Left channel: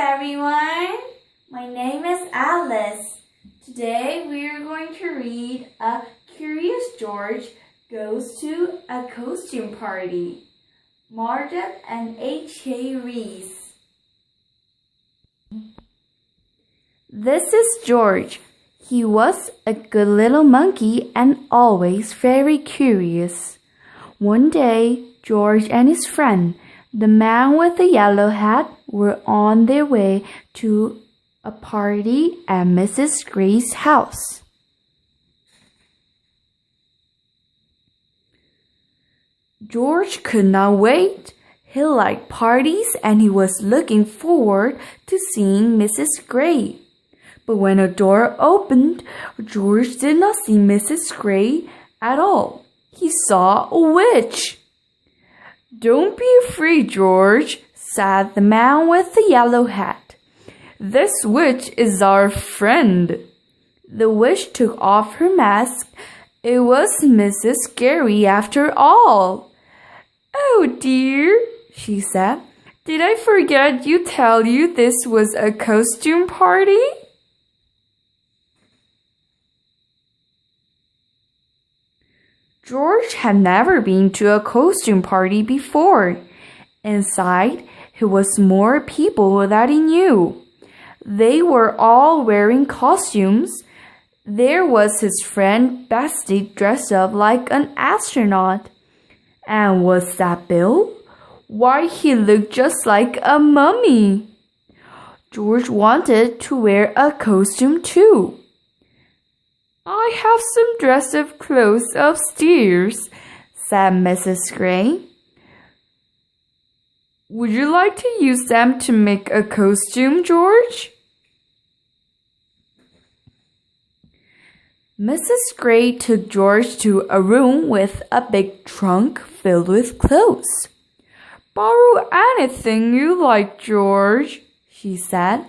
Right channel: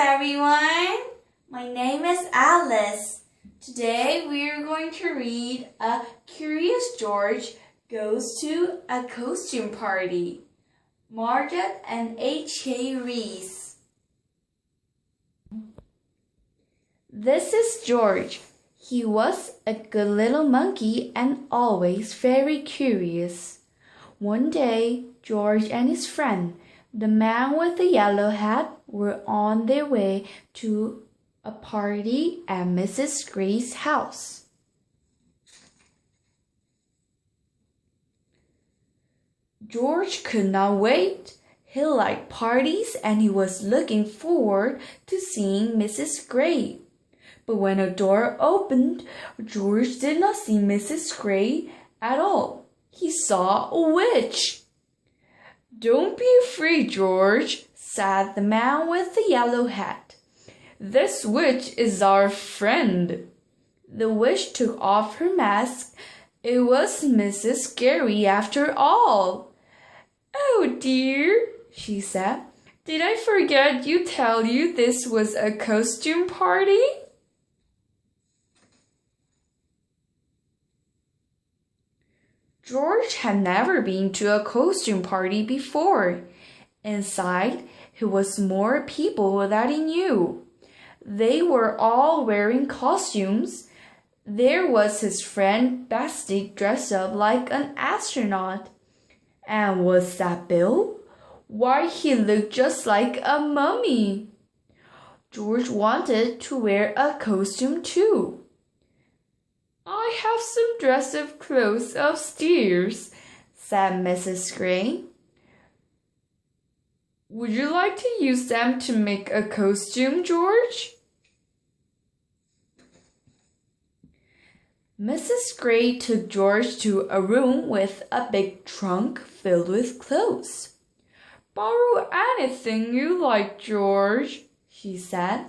everyone. My name is Alice. Today we are going to read A Curious George Goes to a Costume Party. Margaret and H.A. Reese. This is George. He was a good little monkey and always very curious. One day, George and his friend, the man with the yellow hat, were on their way to a party at Mrs. Gray's house. George could not wait. He liked parties and he was looking forward to seeing Mrs. Gray. But when a door opened, George did not see Mrs. Gray at all. He saw a witch. "Don't be afraid, George," said the man with the yellow hat. "This witch is our friend." The witch took off her mask. It was Mrs. Gray after all. "Oh dear," she said. "Did I forget to tell you this was a costume party?" George had never been to a costume party before. Inside, there was more people that he knew. They were all wearing costumes. There was his friend Bessie dressed up like an astronaut. And was that Bill? Why, he looked just like a mummy. George wanted to wear a costume too. "I have some dress-up clothes upstairs," said Mrs. Gray. "Would you like to use them to make a costume, George?" Mrs. Gray took George to a room with a big trunk filled with clothes. "Borrow anything you like, George," she said.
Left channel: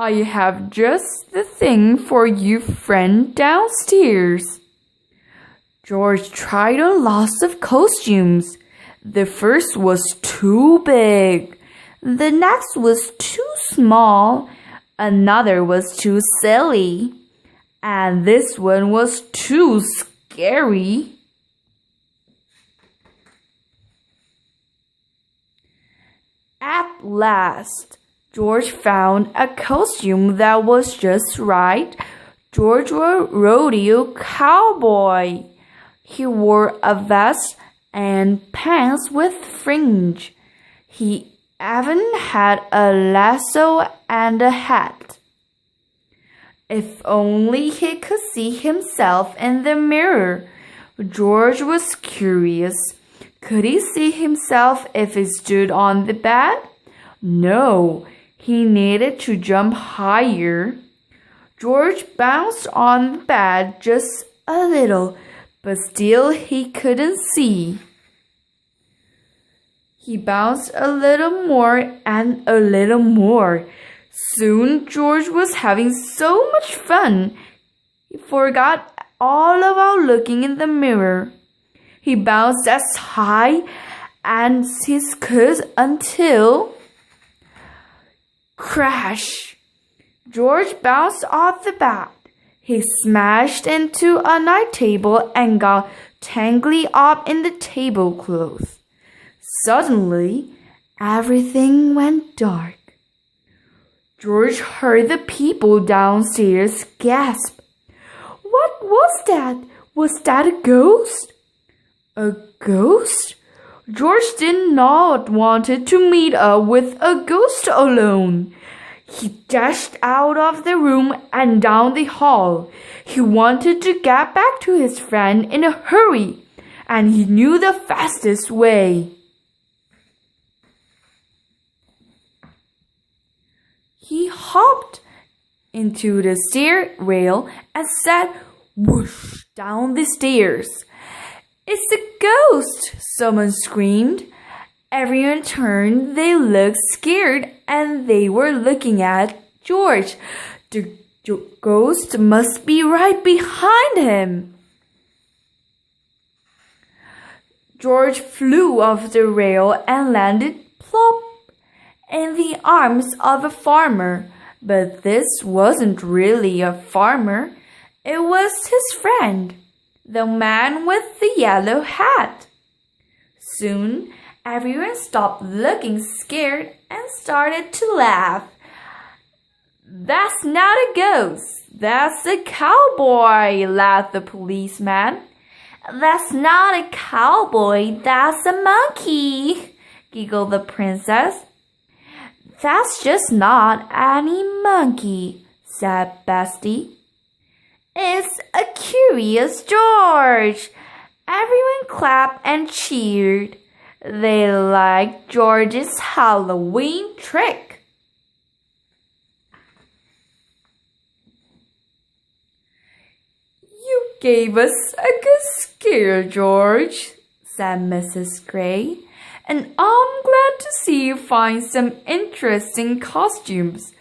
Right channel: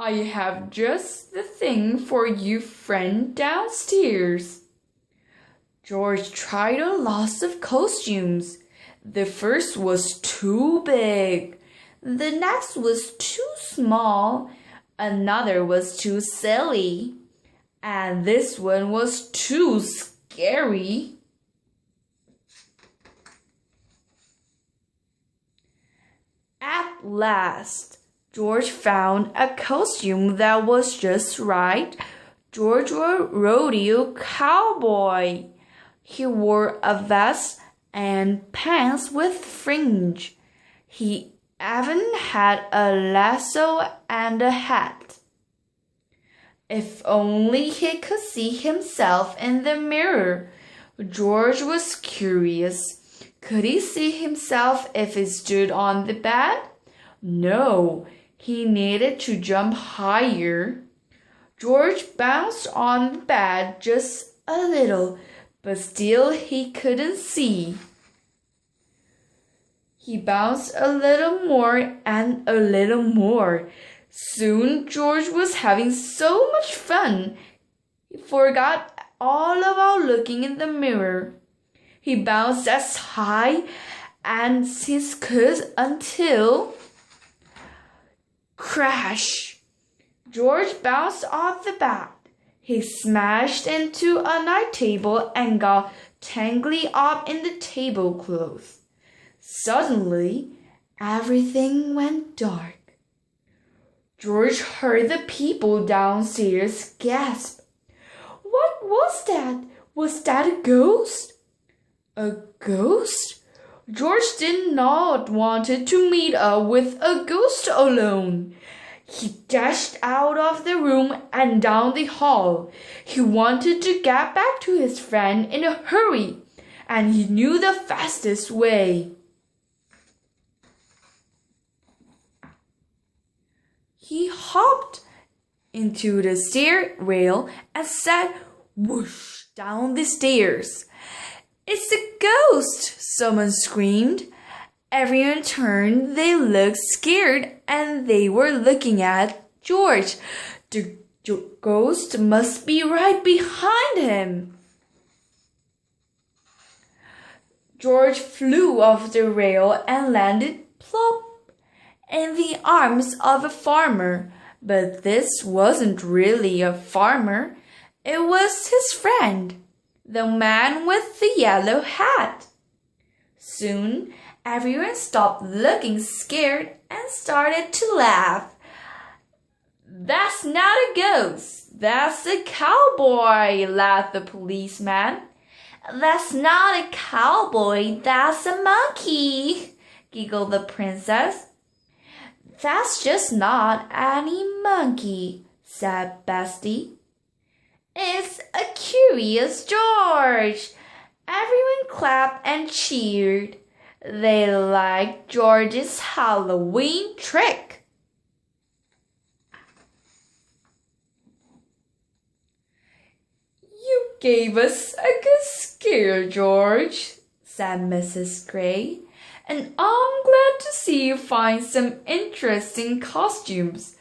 "I have just the thing for you, friend, downstairs." George tried on lots of costumes. The first was too big. The next was too small. Another was too silly. And this one was too scary. At last, George found a costume that was just right. George was a rodeo cowboy. He wore a vest and pants with fringe. He even had a lasso and a hat. If only he could see himself in the mirror. George was curious. Could he see himself if he stood on the bed? No. He needed to jump higher. George bounced on the bed just a little, but still he couldn't see. He bounced a little more and a little more. Soon George was having so much fun, he forgot all about looking in the mirror. He bounced as high as he could until... Crash! George bounced off the bed. He smashed into a night table and got tangled up in the tablecloth. Suddenly, everything went dark. George heard the people downstairs gasp. "What was that? Was that a ghost?" A ghost? George did not want to meet up with a ghost alone. He dashed out of the room and down the hall. He wanted to get back to his friend in a hurry, and he knew the fastest way. He hopped into the stair rail and sat whoosh down the stairs. "It's a ghost!" someone screamed. Everyone turned. They looked scared and they were looking at George. The ghost must be right behind him. George flew off the rail and landed plop in the arms of a farmer. But this wasn't really a farmer. It was his friend, the man with the yellow hat. Soon, everyone stopped looking scared and started to laugh. "That's not a ghost. That's a cowboy," laughed the policeman. "That's not a cowboy. That's a monkey," giggled the princess. "That's just not any monkey," said Bestie. "It's a curious George." Everyone clapped and cheered. They liked George's Halloween trick. "You gave us a good scare, George," said Mrs. Gray. "And I'm glad to see you find some interesting costumes.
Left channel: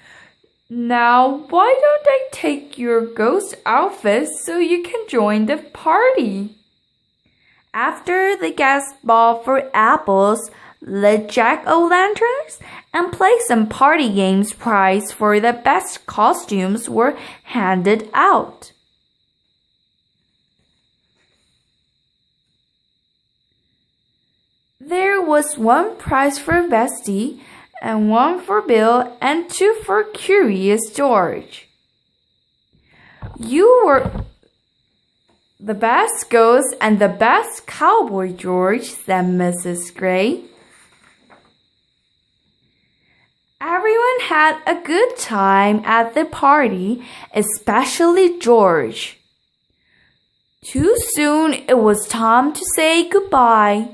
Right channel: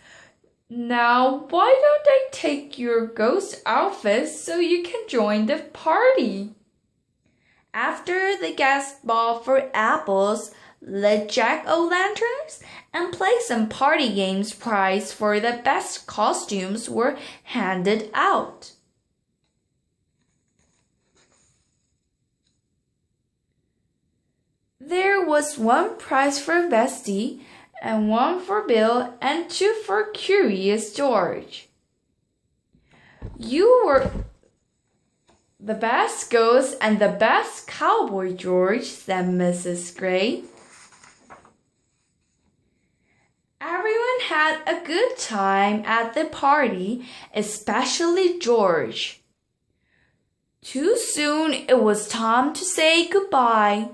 Now, why don't I take your ghost outfit so you can join the party?" After the guests bought for apples, lit jack-o'-lanterns, and played some party games, prizes for the best costumes were handed out. There was one prize for Bestie, and one for Bill, and two for Curious George. "You were the best ghost and the best cowboy, George," said Mrs. Gray. Everyone had a good time at the party, especially George. Too soon it was time to say goodbye.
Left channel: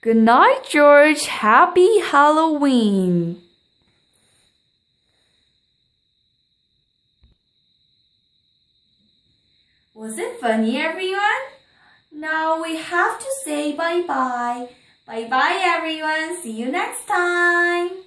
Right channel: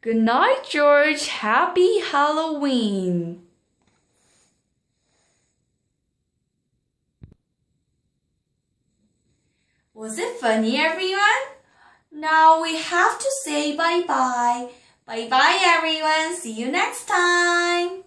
"Good night, George. Happy Halloween." Was it funny, everyone? Now we have to say bye-bye. Bye-bye, everyone. See you next time.